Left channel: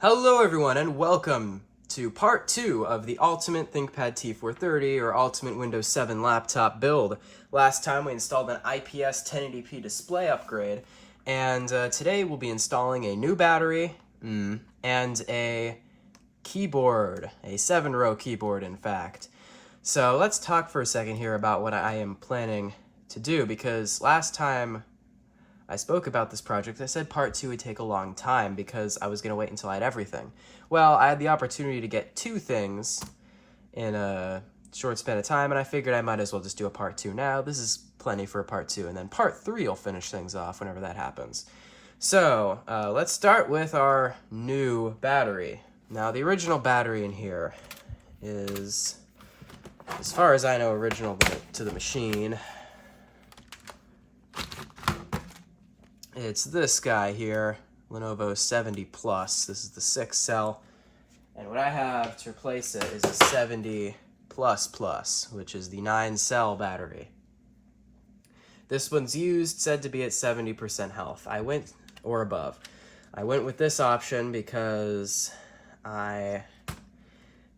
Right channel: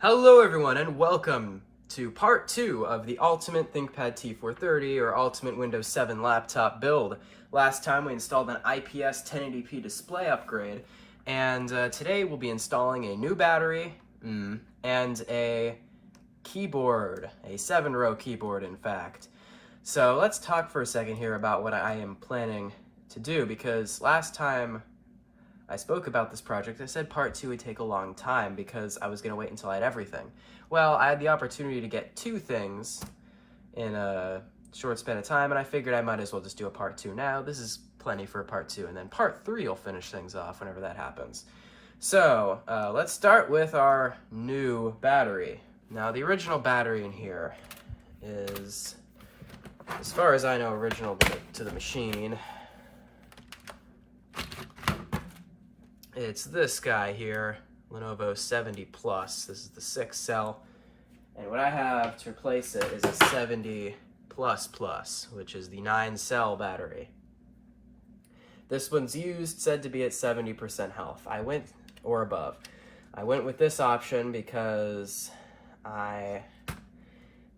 Hello everyone and welcome to part 2 of the Ultimate ThinkPad T430 or Ultimate Windows 7 laptop build. Last time we installed an IPS 1080p display upgrade, and today we'll be installing a new battery and a keyboard, a 7-row keyboard in fact. So let's talk for a second here about what I am planning to do, because last time I spoke about this project, I said part 2 would take a long time because I was going to wait until I had everything. Well, I had the opportunity to get 2 things in a short span of time, and I figured I might as well just do a part 2 now. This is plenty for a part 2, and then part 3 will finish things off whenever that happens. So, let's start with our new battery. Now, the original battery in here is, as far as I know, original to the machine. It's this guy here, Lenovo 70 Plus. This is the 6 cell. And what I have to replace it is a 70 Plus, which is the 9 cell battery. This one's said to be at 70% health. Or above. I went with this option because I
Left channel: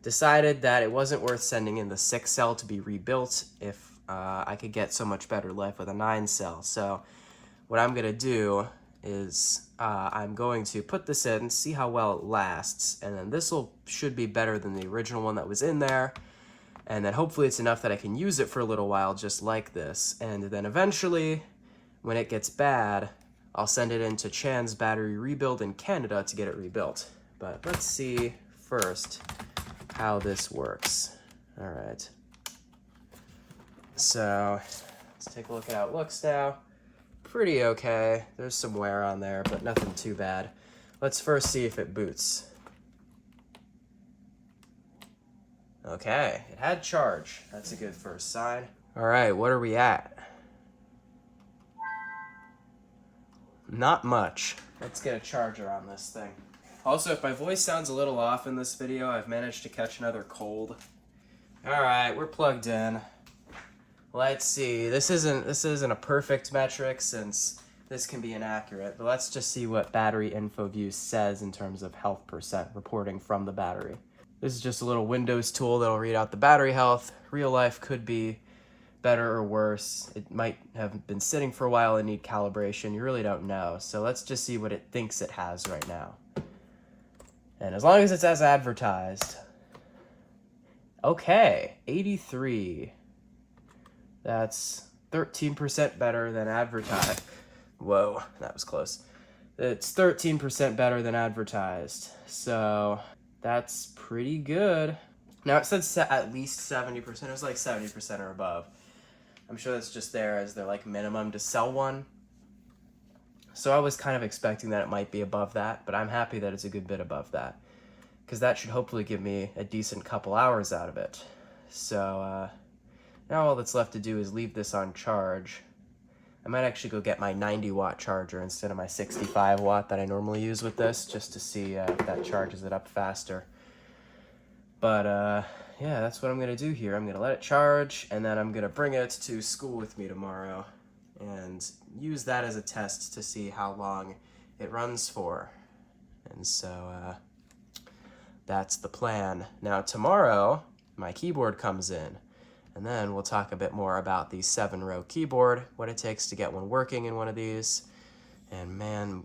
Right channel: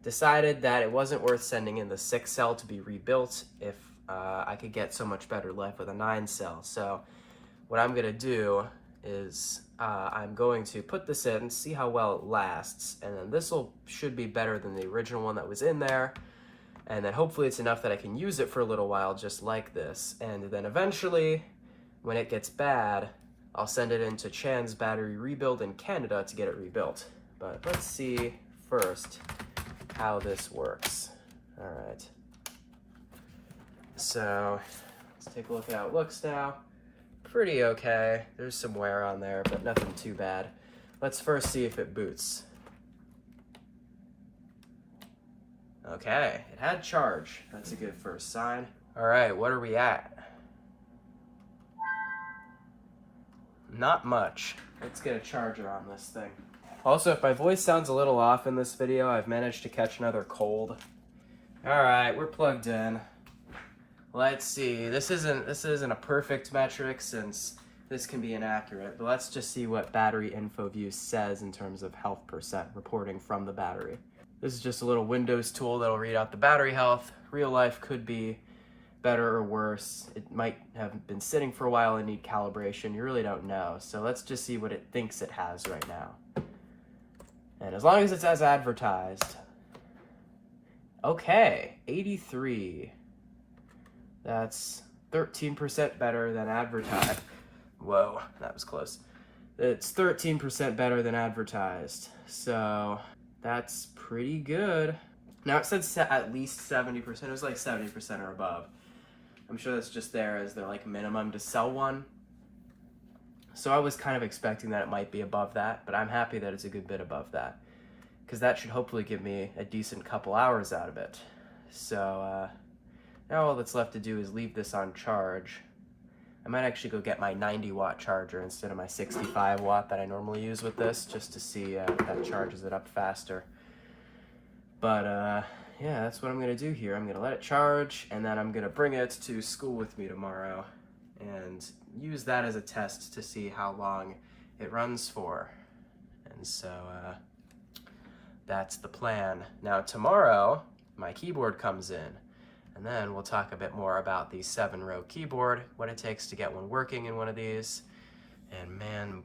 decided that it wasn't worth sending in the 6 cell to be rebuilt if I could get so much better life with a 9 cell. So what I'm going to do is I'm going to put this in, see how well it lasts, and then this should be better than the original one that was in there, and then hopefully it's enough that I can use it for a little while just like this, and then eventually, when it gets bad, I'll send it into Chan's battery rebuild in Canada to get it rebuilt. But let's see first how this works. Alright. So, let's take a look at how it looks now. Pretty okay. There's some wear on there, but nothing too bad. Let's first see if it boots. Okay, it had charge. That's a good first sign. Alright, what are we at? Not much. Let's get a charger on this thing. Also, if my voice sounds a little off in this video, I've managed to catch another cold. Alright, we're plugged in. Let's see, this isn't a perfect metric since this can be inaccurate, but let's just see what battery info view says in terms of health percent reporting from the battery. This is just a little Windows tool that'll read out the battery health. Real life could be better or worse. It might have been sitting for a while and need calibration. You really don't know. So let's just see what it thinks it has right now. And as long as it's as advertised. Okay, 83. That's 13% better than advertised. Whoa, that was close. It's 13% better than advertised. So that's pretty good. Now it said at least 70%. It was like 70% or above. I'm sure that's just there as their like minimum to sell one. So I was kind of expecting that it might be above that, but I'm happy that it's a good bit above that, because that should hopefully give me a decent couple hours out of it. So now all that's left to do is leave this on charge. I might actually go get my 90-watt charger instead of my 65-watt that I normally use with this, just to see if that charges it up faster. But yeah, that's what I'm going to do here. I'm going to let it charge, and then I'm going to bring it to school with me tomorrow and use that as a test to see how long it runs for. And so that's the plan. Now tomorrow, my keyboard comes in. And then we'll talk a bit more about the 7-row keyboard, what it takes to get one working in one of these. And man,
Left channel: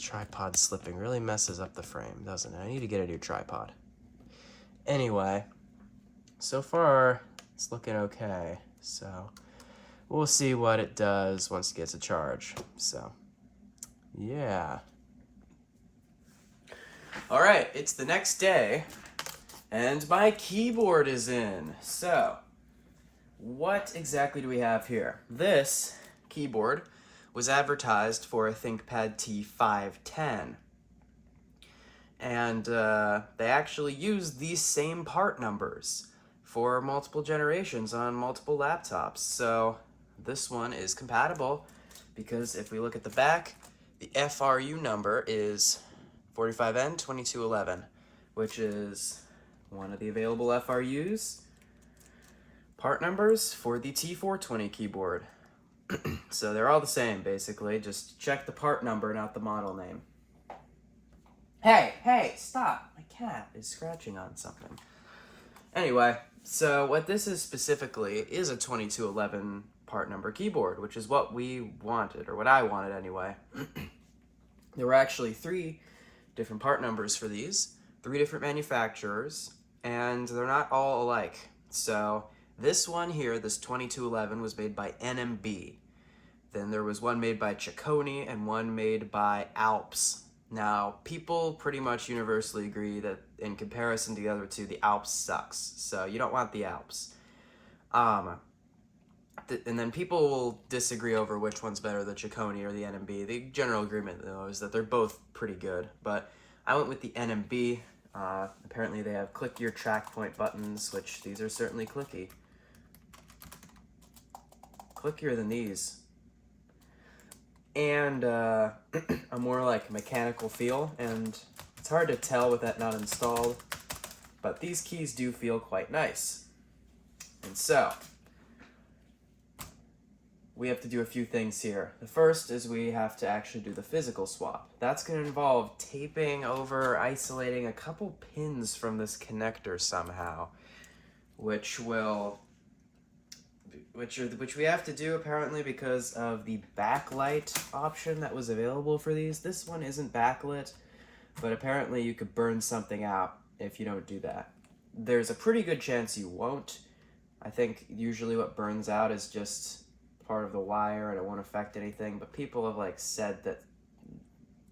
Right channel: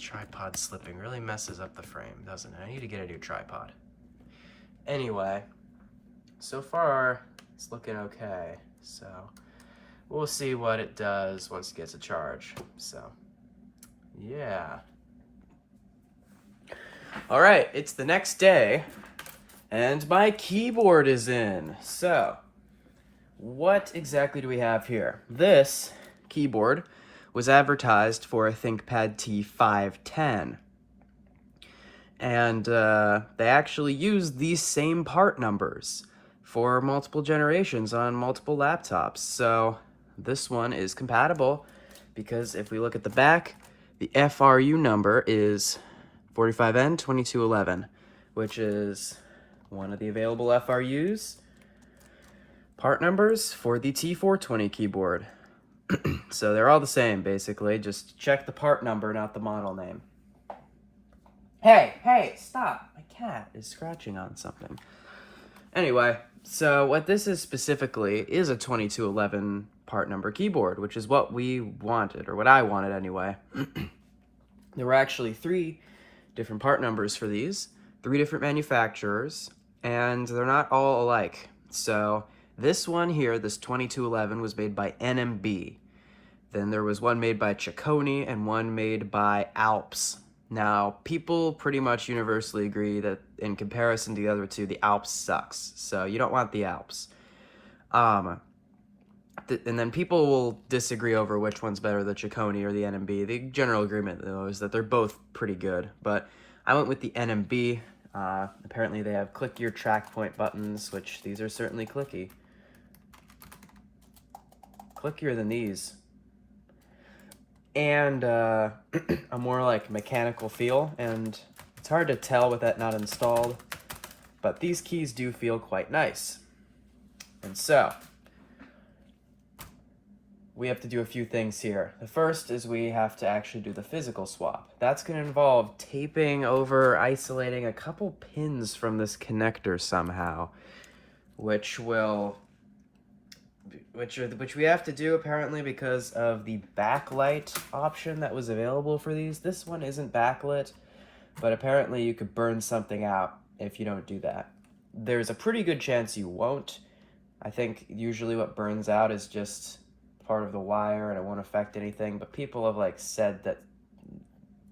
tripod slipping really messes up the frame, doesn't it? I need to get a new tripod. Anyway, so far it's looking okay. So we'll see what it does once it gets a charge. So yeah. All right, it's the next day and my keyboard is in. So what exactly do we have here? This keyboard was advertised for a ThinkPad T510. And they actually used these same part numbers for multiple generations on multiple laptops. So this one is compatible because if we look at the back, the FRU number is 45N2211, which is one of the available FRUs. Part numbers for the T430 keyboard. So they're all the same, basically. Just check the part number, not the model name. Hey, stop. My cat is scratching on something. Anyway, so what this is specifically is a 2211 part number keyboard, which is what we wanted, or what I wanted anyway. There were actually 3 different part numbers for these, 3 different manufacturers, and they're not all alike. So this one here, this 2211, was made by NMB. Then there was one made by Ciccone and one made by Alps. Now, people pretty much universally agree that in comparison to the other 2, the Alps sucks. So you don't want the Alps. And then people will disagree over which one's better, the Ciccone or the NMB. The general agreement, though, is that they're both pretty good. But I went with the NMB. Apparently they have click your track point buttons, which these are certainly clicky. Clickier than these. And a more like mechanical feel, and it's hard to tell with that not installed, but these keys do feel quite nice. And so we have to do a few things here. The first is we have to actually do the physical swap. That's going to involve taping over, isolating a couple pins from this connector somehow, which we have to do apparently because of the backlight option that was available for these. This one isn't backlit, but apparently you could burn something out if you don't do that. There's a pretty good chance you won't. I think usually what burns out is just part of the wire and it won't affect anything, but people have like said that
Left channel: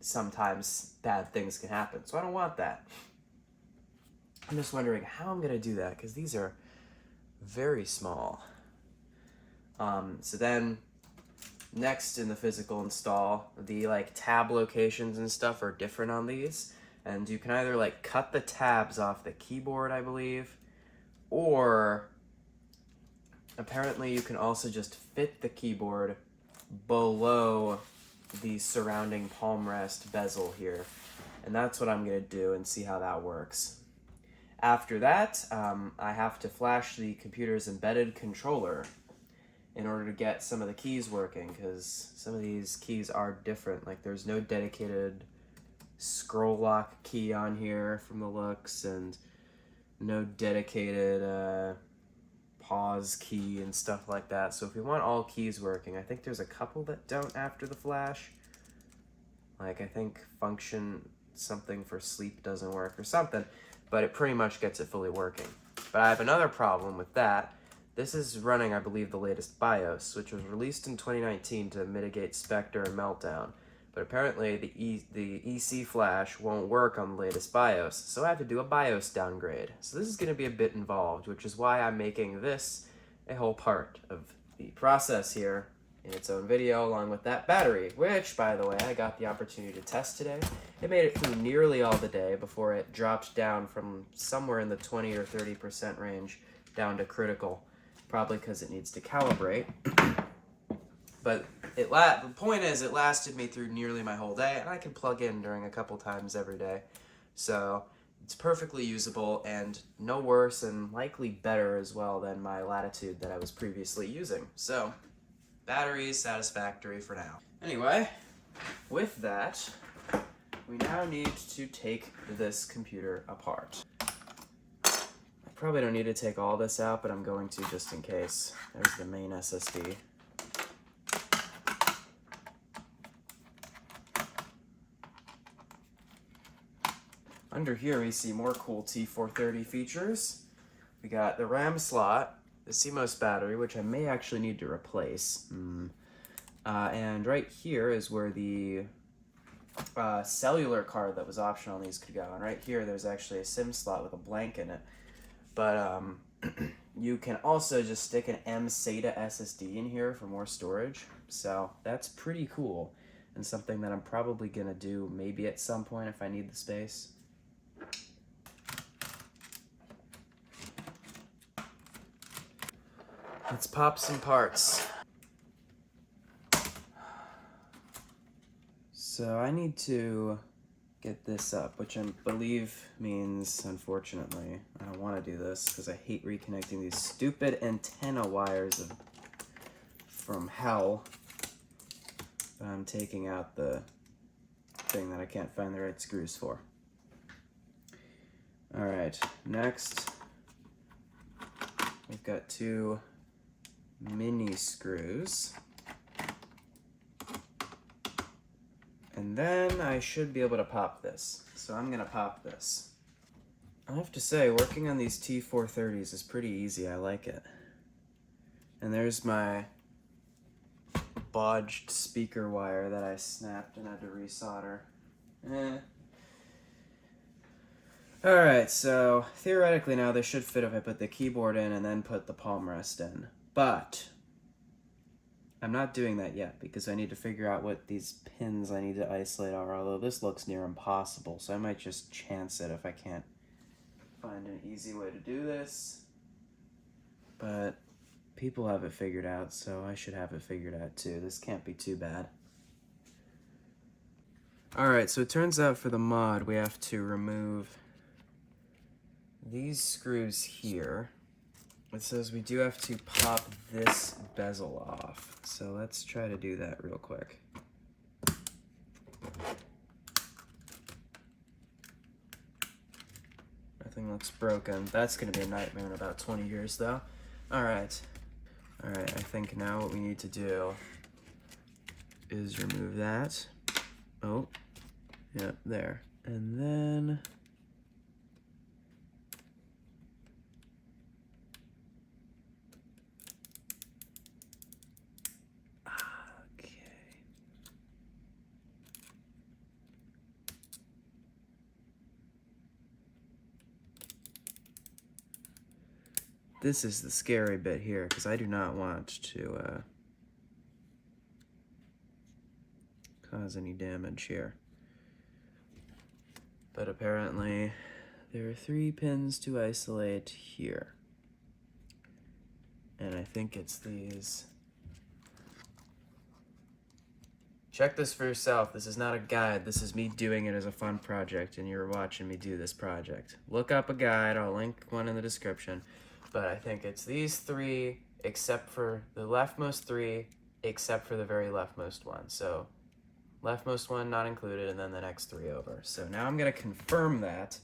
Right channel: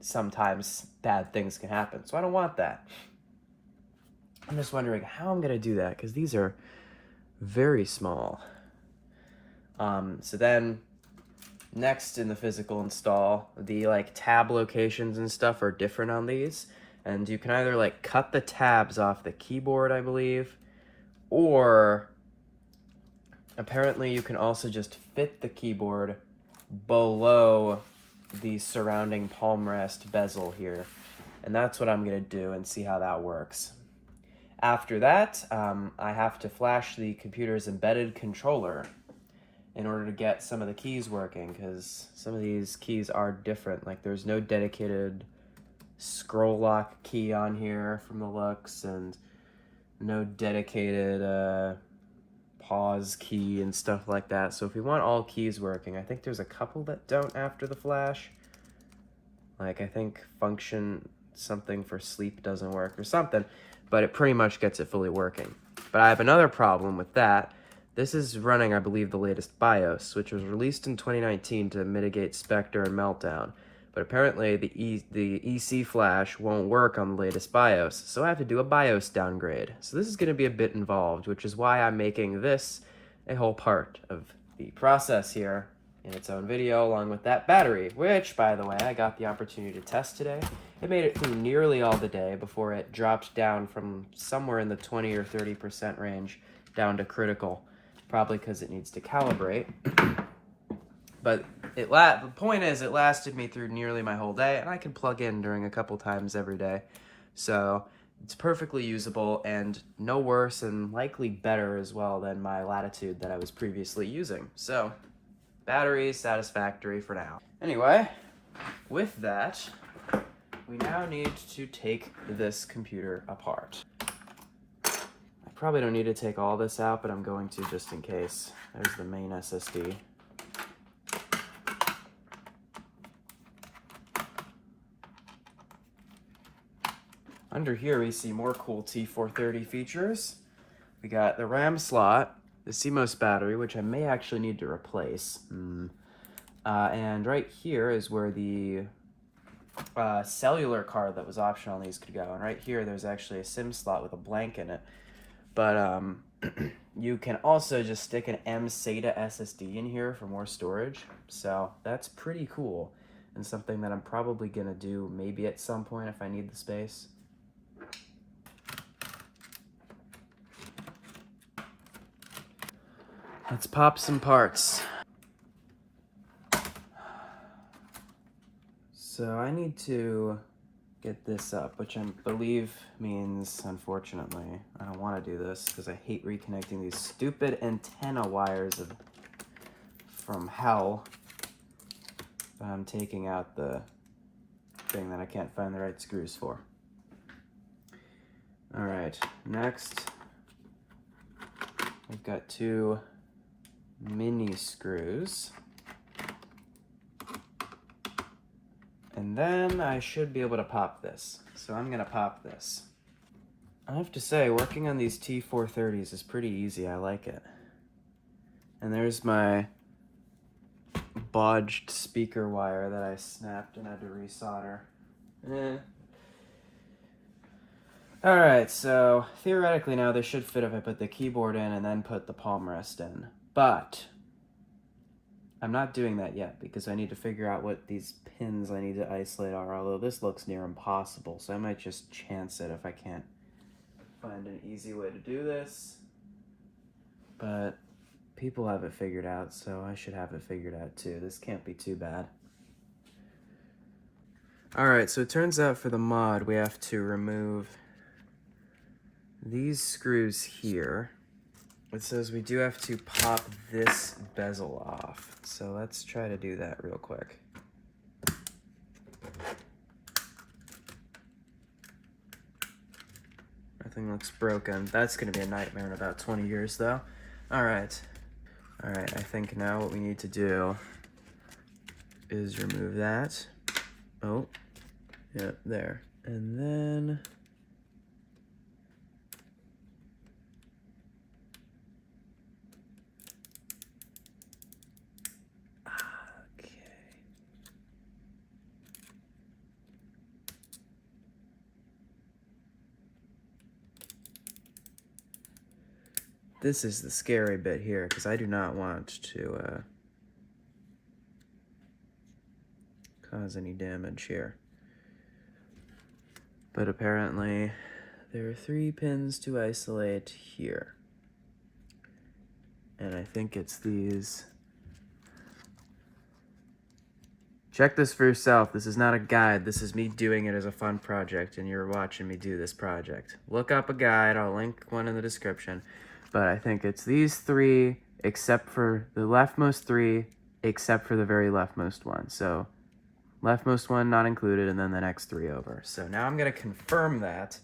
sometimes bad things can happen, so I don't want that. I'm just wondering how I'm gonna do that because these are very small. So then next in the physical install, the like tab locations and stuff are different on these, and you can either like cut the tabs off the keyboard, I believe, or apparently you can also just fit the keyboard below the surrounding palm rest bezel here, and that's what I'm gonna do and see how that works. After that, I have to flash the computer's embedded controller in order to get some of the keys working, because some of these keys are different. Like there's no dedicated scroll lock key on here from the looks, and no dedicated pause key and stuff like that. So if you want all keys working, I think there's a couple that don't after the flash. Like I think function something for sleep doesn't work or something, but it pretty much gets it fully working. But I have another problem with that. This is running, I believe, the latest BIOS, which was released in 2019 to mitigate Spectre and Meltdown. But apparently the EC flash won't work on the latest BIOS, so I have to do a BIOS downgrade. So this is going to be a bit involved, which is why I'm making this a whole part of the process here in its own video, along with that battery, which, by the way, I got the opportunity to test today. It made it through nearly all the day before it dropped down from somewhere in the 20 or 30% range down to critical. Probably because it needs to calibrate. But the point is, it lasted me through nearly my whole day, and I can plug in during a couple times every day. So it's perfectly usable and no worse, and likely better as well than my Latitude that I was previously using. So battery is satisfactory for now. Anyway, with that, we now need to take this computer apart. Probably don't need to take all this out, but I'm going to just in case. There's the main SSD. Under here we see more cool T430 features. We got the RAM slot, the CMOS battery, which I may actually need to replace. And right here is where the cellular card that was optional on these could go. And right here there's actually a SIM slot with a blank in it. But you can also just stick an M-SATA SSD in here for more storage. So that's pretty cool, and something that I'm probably gonna do maybe at some point if I need the space. Let's pop some parts. So I need to get this up, which I believe means, unfortunately, I don't want to do this because I hate reconnecting these stupid antenna wires from hell. But I'm taking out the thing that I can't find the right screws for. All right, next we've got 2 mini screws. And then I should be able to pop this. So I'm gonna pop this. I have to say, working on these T430s is pretty easy. I like it. And there's my bodged speaker wire that I snapped and had to resolder. Alright, so theoretically now this should fit if I put the keyboard in and then put the palm rest in. But I'm not doing that yet because I need to figure out what these pins I need to isolate are, although this looks near impossible, so I might just chance it if I can't find an easy way to do this. But people have it figured out, so I should have it figured out too. This can't be too bad. Alright, so it turns out for the mod we have to remove these screws here. It says we do have to pop this bezel off. So let's try to do that real quick. Nothing looks broken. That's gonna be a nightmare in about 20 years though. Alright, I think now what we need to do is remove that. Oh, yep, there. And then this is the scary bit here, because I do not want to cause any damage here. But apparently there are 3 pins to isolate here. And I think it's these. Check this for yourself. This is not a guide. This is me doing it as a fun project, and you're watching me do this project. Look up a guide. I'll link one in the description. But I think it's these 3, except for the leftmost 3, except for the very leftmost one. So leftmost one not included, and then the next 3 over. So now I'm gonna confirm that,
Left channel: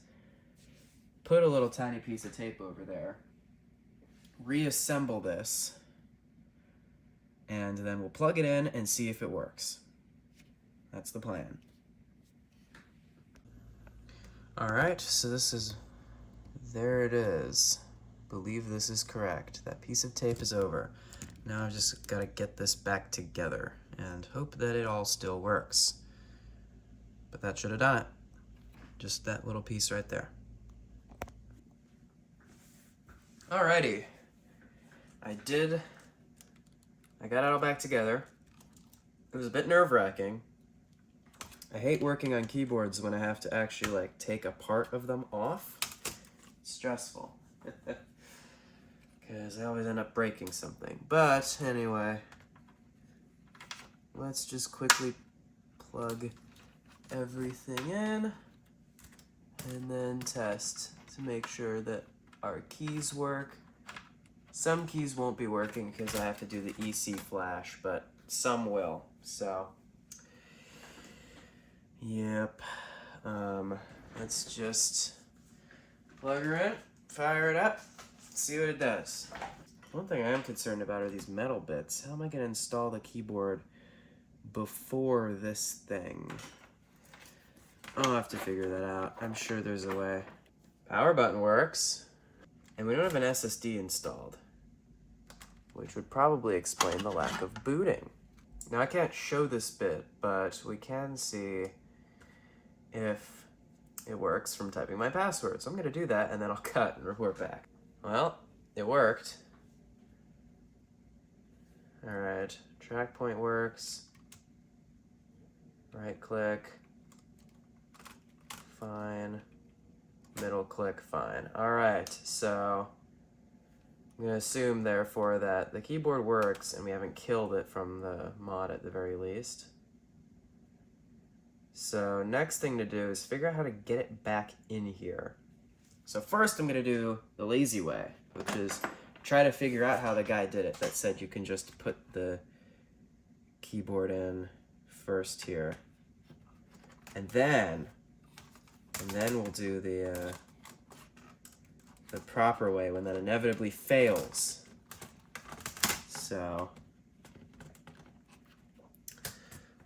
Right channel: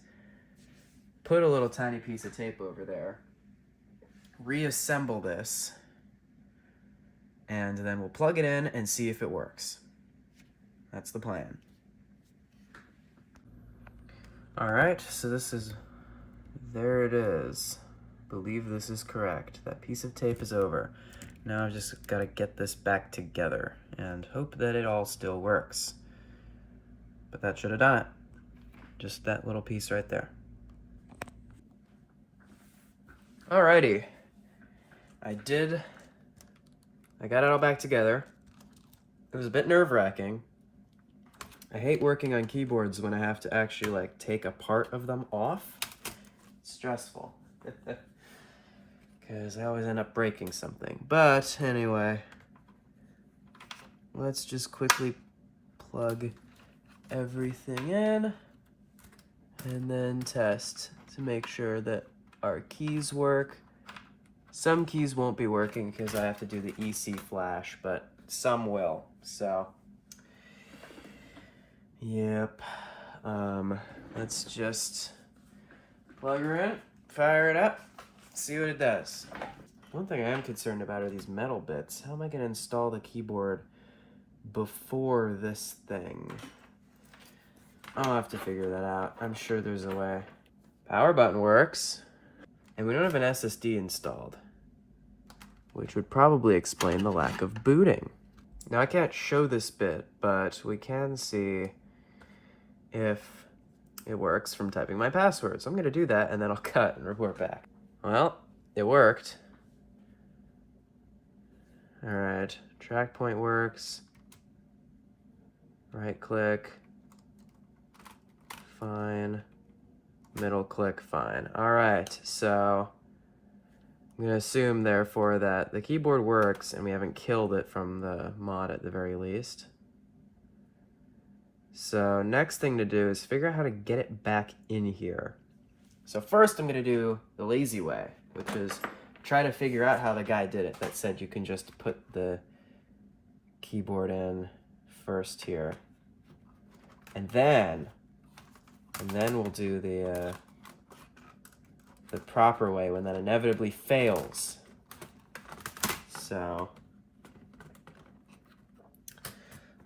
put a little tiny piece of tape over there, reassemble this, and then we'll plug it in and see if it works. That's the plan. All right, so there it is. Believe this is correct. That piece of tape is over. Now I've just got to get this back together and hope that it all still works. But that should have done it. Just that little piece right there. Alrighty. I got it all back together. It was a bit nerve-wracking. I hate working on keyboards when I have to actually like take a part of them off. It's stressful. Because I always end up breaking something. But anyway, let's just quickly plug everything in and then test to make sure that our keys work. Some keys won't be working because I have to do the EC flash, but some will. So, yep. Let's just plug her in, fire it up, see what it does. One thing I am concerned about are these metal bits. How am I going to install the keyboard before this thing? I'll have to figure that out. I'm sure there's a way. Power button works, and we don't have an SSD installed, which would probably explain the lack of booting. Now I can't show this bit, but we can see if it works from typing my password. So I'm gonna do that and then I'll cut and report back. Well, it worked. All right, track point works. Right click, fine. Middle click, fine. All right, so I'm gonna assume therefore that the keyboard works and we haven't killed it from the mod at the very least. So next thing to do is figure out how to get it back in here. So first I'm gonna do the lazy way, which is try to figure out how the guy did it that said you can just put the keyboard in first here. And then we'll do the the proper way when that inevitably fails. So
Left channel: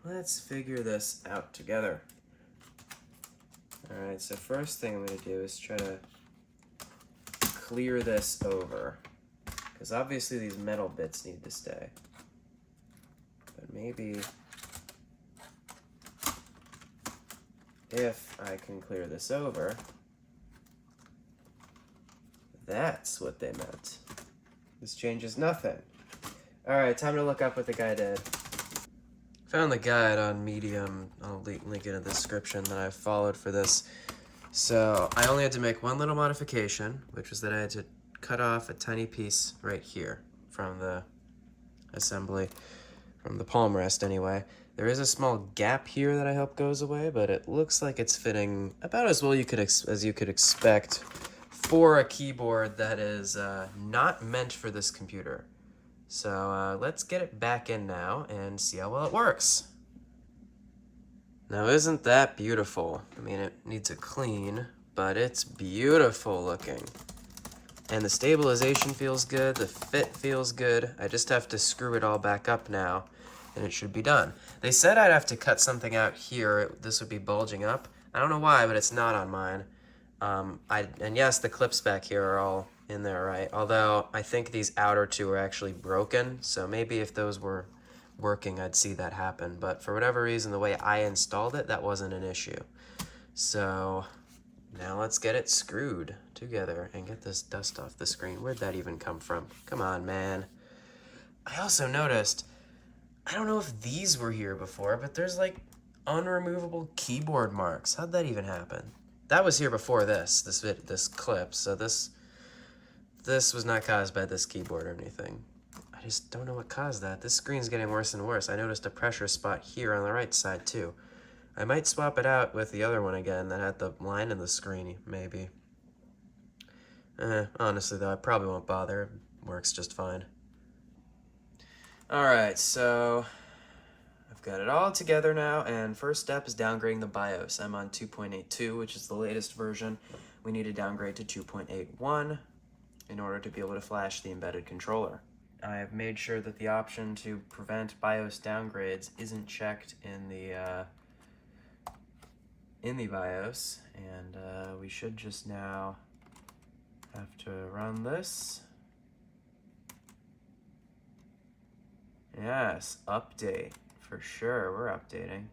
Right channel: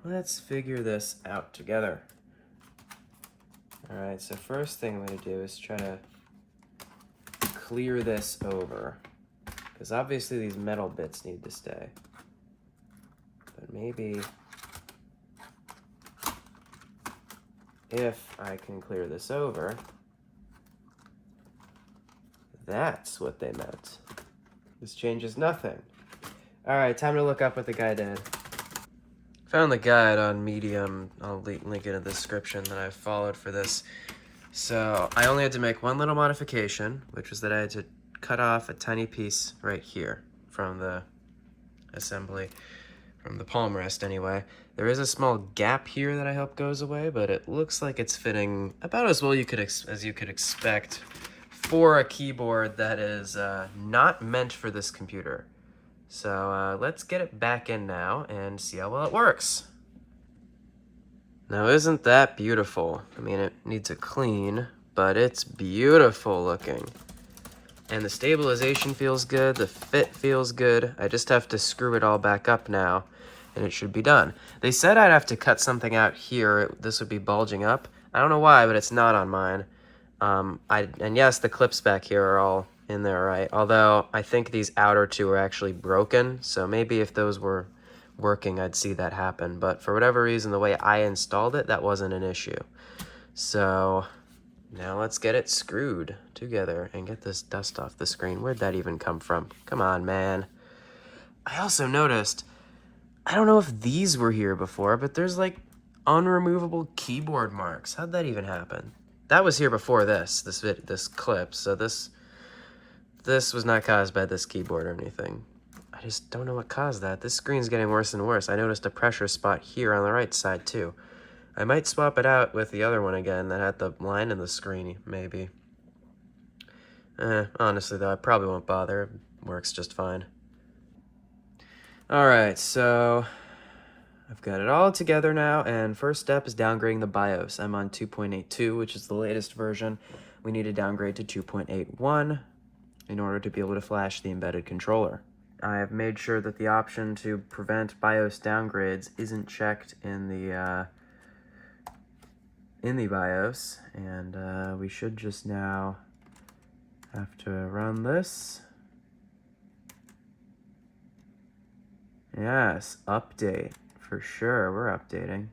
let's figure this out together. All right, so first thing I'm going to do is try to clear this over, because obviously these metal bits need to stay. But maybe if I can clear this over, that's what they meant. This changes nothing. All right, time to look up what the guy did. Found the guide on Medium. I'll link it in the description that I followed for this. So I only had to make one little modification, which was that I had to cut off a tiny piece right here from the assembly, from the palm rest anyway. There is a small gap here that I hope goes away, but it looks like it's fitting about as well as you could expect for a keyboard that is not meant for this computer. So let's get it back in now and see how well it works. Now isn't that beautiful? I mean, it needs a clean, but it's beautiful looking. And the stabilization feels good, the fit feels good. I just have to screw it all back up now, and it should be done. They said I'd have to cut something out here. This would be bulging up. I don't know why, but it's not on mine. And yes, the clips back here are all in there, right? Although I think these outer two are actually broken, so maybe if those were working, I'd see that happen. But for whatever reason, the way I installed it, that wasn't an issue. So now let's get it screwed together and get this dust off the screen. Where'd that even come from? Come on, man. I also noticed, I don't know if these were here before, but there's like unremovable keyboard marks. How'd that even happen? That was here before this clip, so this was not caused by this keyboard or anything. I just don't know what caused that. This screen's getting worse and worse. I noticed a pressure spot here on the right side too. I might swap it out with the other one again that had the line in the screen, maybe. Honestly though, I probably won't bother. It works just fine. Alright, so I've got it all together now, and first step is downgrading the BIOS. I'm on 2.82, which is the latest version. We need to downgrade to 2.81 in order to be able to flash the embedded controller. I have made sure that the option to prevent BIOS downgrades isn't checked in the BIOS, and we should just now have to run this. Yes, update. For sure, we're updating.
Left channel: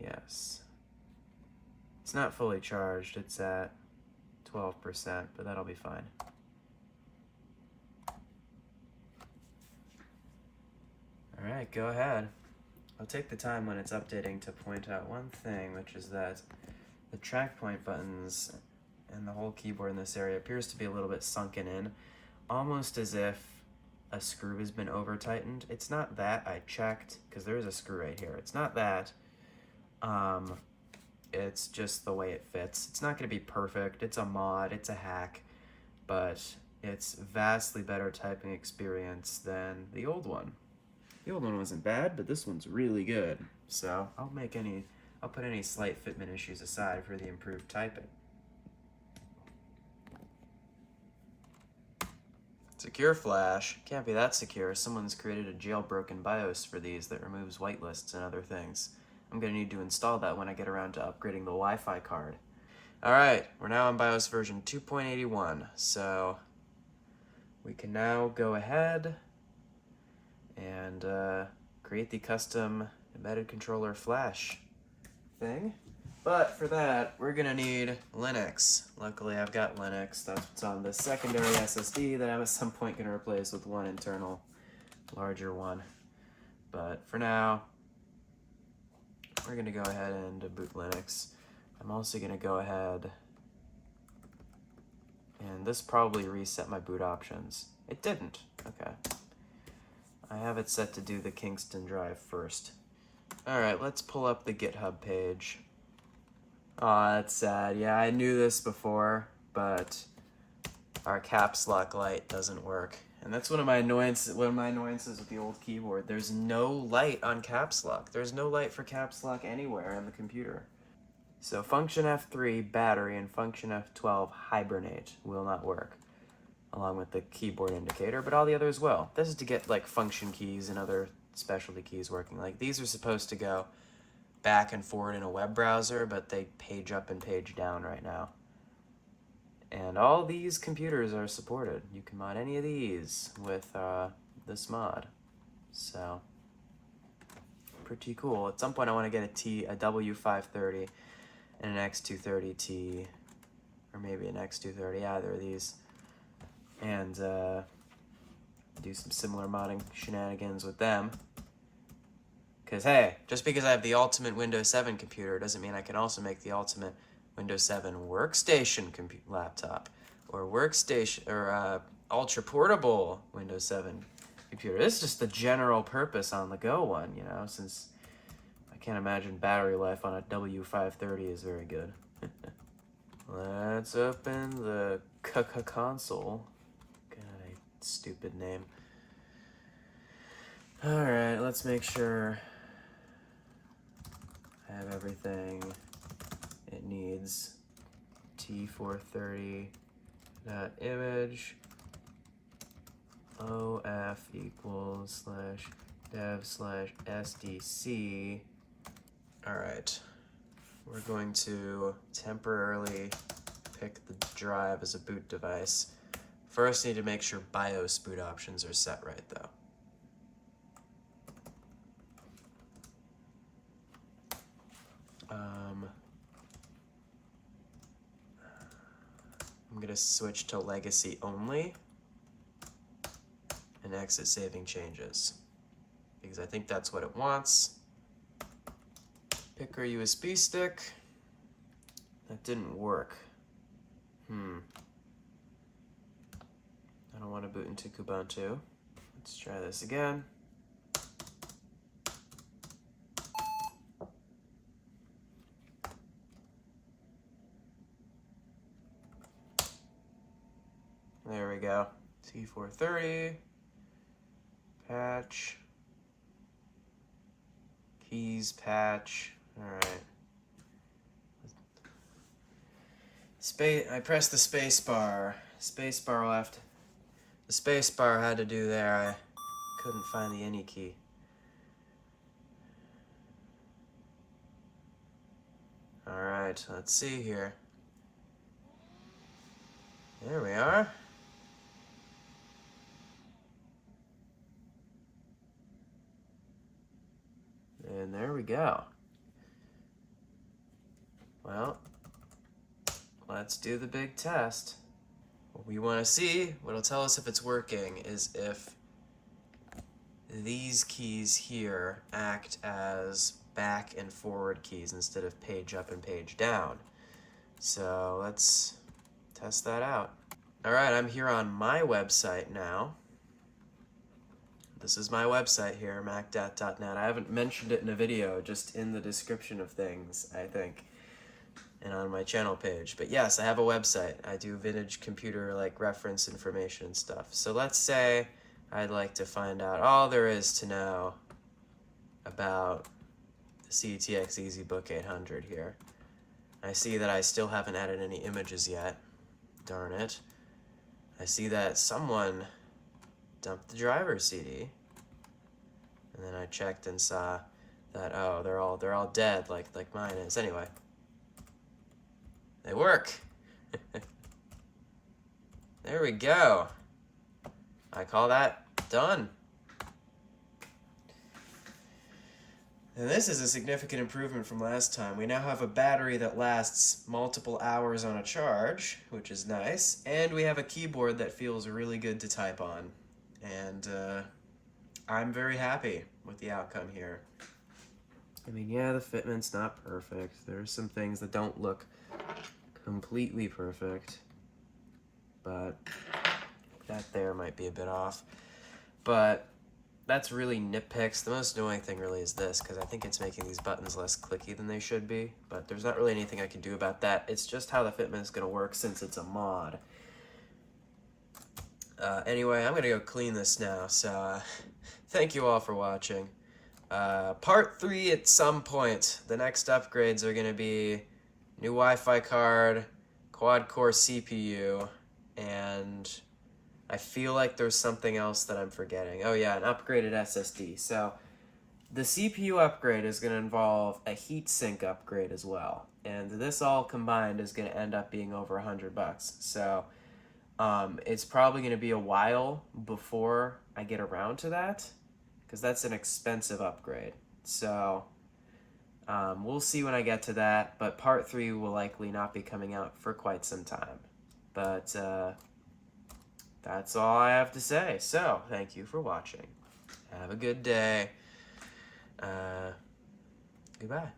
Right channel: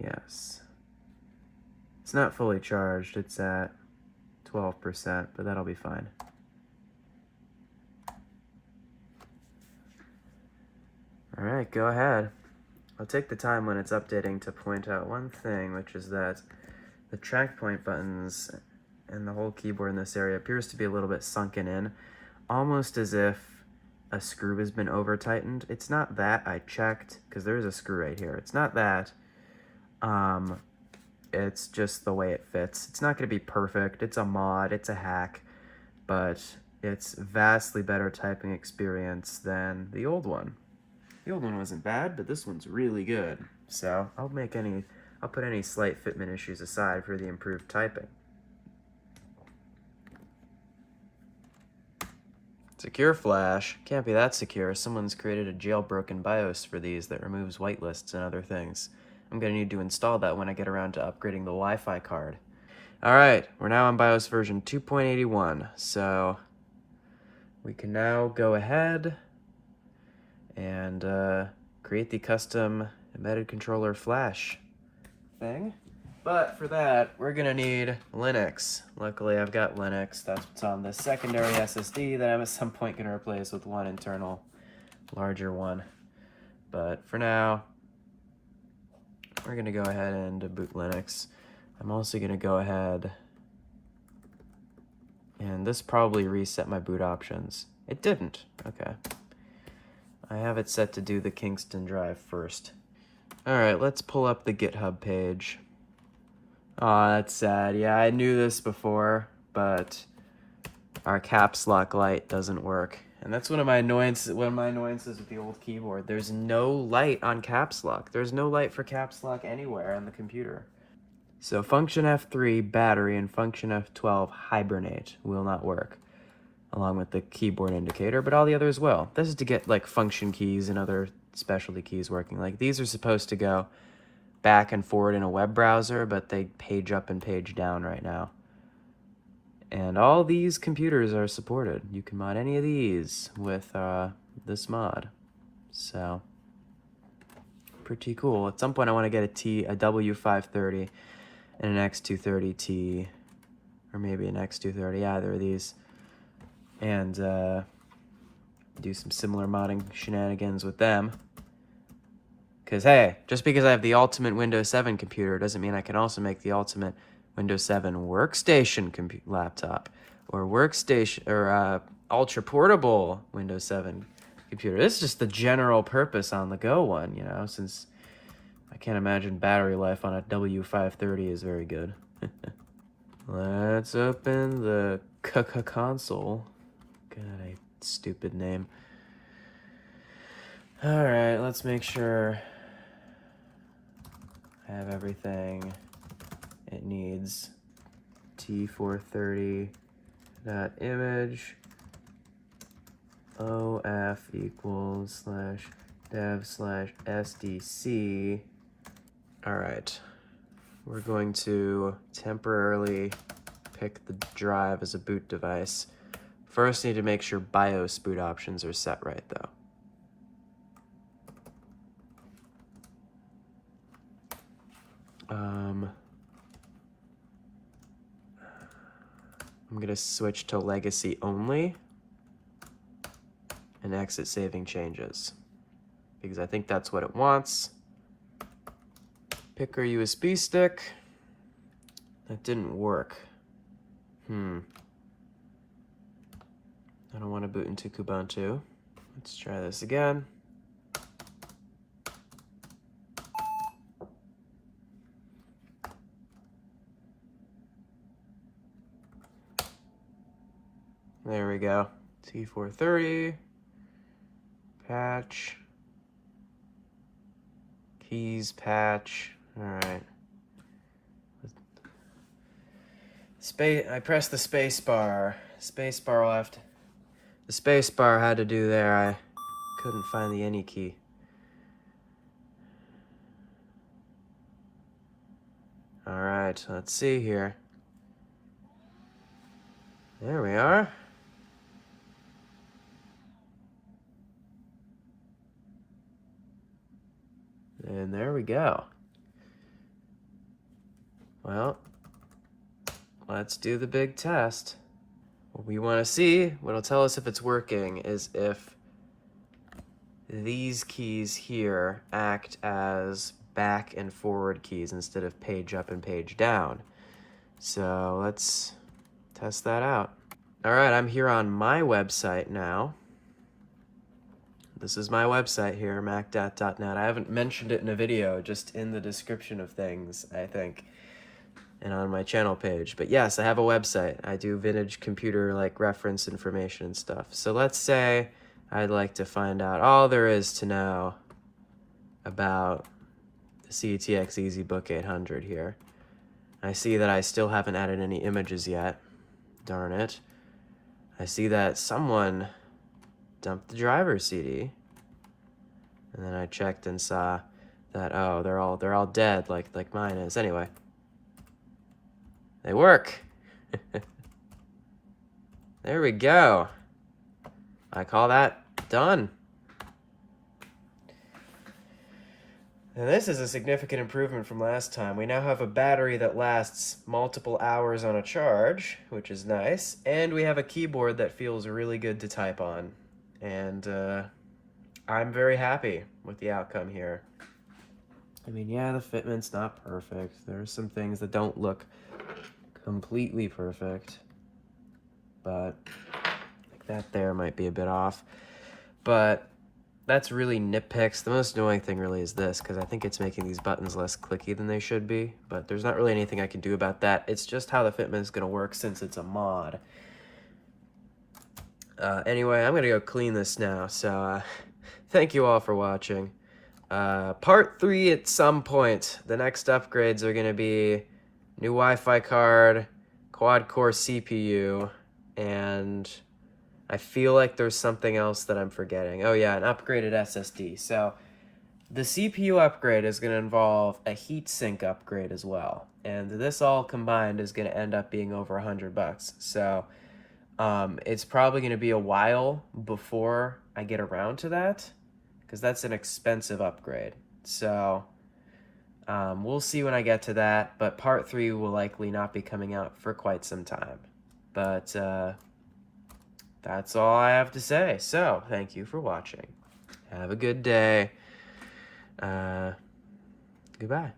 Yes. It's not fully charged, it's at 12%, but that'll be fine. Alright, go ahead. I'll take the time when it's updating to point out one thing, which is that the track point buttons and the whole keyboard in this area appears to be a little bit sunken in, almost as if a screw has been over tightened. It's not that, I checked, because there's a screw right here. It's not that. It's just the way it fits. It's not going to be perfect. It's a mod, it's a hack, but it's vastly better typing experience than the old one. The old one wasn't bad, but this one's really good. So I'll put any slight fitment issues aside for the improved typing. Secure flash. Can't be that secure. Someone's created a jailbroken BIOS for these that removes whitelists and other things. I'm going to need to install that when I get around to upgrading the Wi-Fi card. Alright, we're now on BIOS version 2.81, so we can now go ahead and create the custom embedded controller flash thing. But for that, we're gonna need Linux. Luckily, I've got Linux. That's what's on the secondary SSD that I'm at some point gonna replace with one internal, larger one. But for now, we're gonna go ahead and boot Linux. I'm also gonna go ahead, and this probably reset my boot options. It didn't, okay. I have it set to do the Kingston drive first. Alright, let's pull up the GitHub page. Aw, that's sad. Yeah, I knew this before, but our caps lock light doesn't work. And that's one of my annoyances with the old keyboard. There's no light on caps lock. There's no light for caps lock anywhere on the computer. So function F3 battery and function F12 hibernate will not work, along with the keyboard indicator, but all the others will. This is to get like function keys and other specialty keys working. Like these are supposed to go back and forward in a web browser, but they page up and page down right now. And all these computers are supported. You can mod any of these with this mod. So, pretty cool. At some point I want to get a W530 and an X230T, or maybe an X230, either of these, and do some similar modding shenanigans with them. Because hey, just because I have the ultimate Windows 7 computer doesn't mean I can also make the ultimate Windows 7 workstation laptop, or workstation, or ultra portable Windows 7 computer. This is just the general purpose on the go one, you know, since I can't imagine battery life on a W530 is very good. Let's open the console. God, a stupid name. Alright, let's make sure I have everything it needs. T430 image OF equals /dev/SDC. Alright, we're going to temporarily pick the drive as a boot device. First, I need to make sure BIOS boot options are set right, though. I'm gonna switch to legacy only and exit saving changes because I think that's what it wants. Pick our USB stick. That didn't work. I don't want to boot into Kubuntu. Let's try this again. There we go. T430, patch, keys, patch. All right. I pressed the space bar. Space bar left. The space bar had to do there. I couldn't find the any key. All right, let's see here. There we are. And there we go. Well, let's do the big test. What we want to see, what'll tell us if it's working, is if these keys here act as back and forward keys instead of page up and page down. So let's test that out. All right, I'm here on my website now. This is my website here, macdat.net. I haven't mentioned it in a video, just in the description of things, I think, and on my channel page. But yes, I have a website. I do vintage computer like reference information and stuff. So let's say I'd like to find out all there is to know about the CTX EasyBook 800 here. I see that I still haven't added any images yet. Darn it. I see that someone dumped the driver CD, and then I checked and saw that, oh, they're all dead like mine is. Anyway, they work. There we go. I call that done. And this is a significant improvement from last time. We now have a battery that lasts multiple hours on a charge, which is nice, and we have a keyboard that feels really good to type on. And I'm very happy with the outcome here. I mean, yeah, the fitment's not perfect. There's some things that don't look completely perfect, but that there might be a bit off. But that's really nitpicks. The most annoying thing really is this, because I think it's making these buttons less clicky than they should be, but there's not really anything I can do about that. It's just how the fitment is going to work since it's a mod. Anyway, I'm going to go clean this now, so thank you all for watching. Part 3 at some point. The next upgrades are going to be new Wi-Fi card, quad-core CPU, and I feel like there's something else that I'm forgetting. Oh yeah, an upgraded SSD. So the CPU upgrade is going to involve a heatsink upgrade as well. And this all combined is going to end up being over $100. So it's probably going to be a while before I get around to that, because that's an expensive upgrade. So we'll see when I get to that, but part 3 will likely not be coming out for quite some time. But that's all I have to say. So thank you for watching. Have a good day. Goodbye.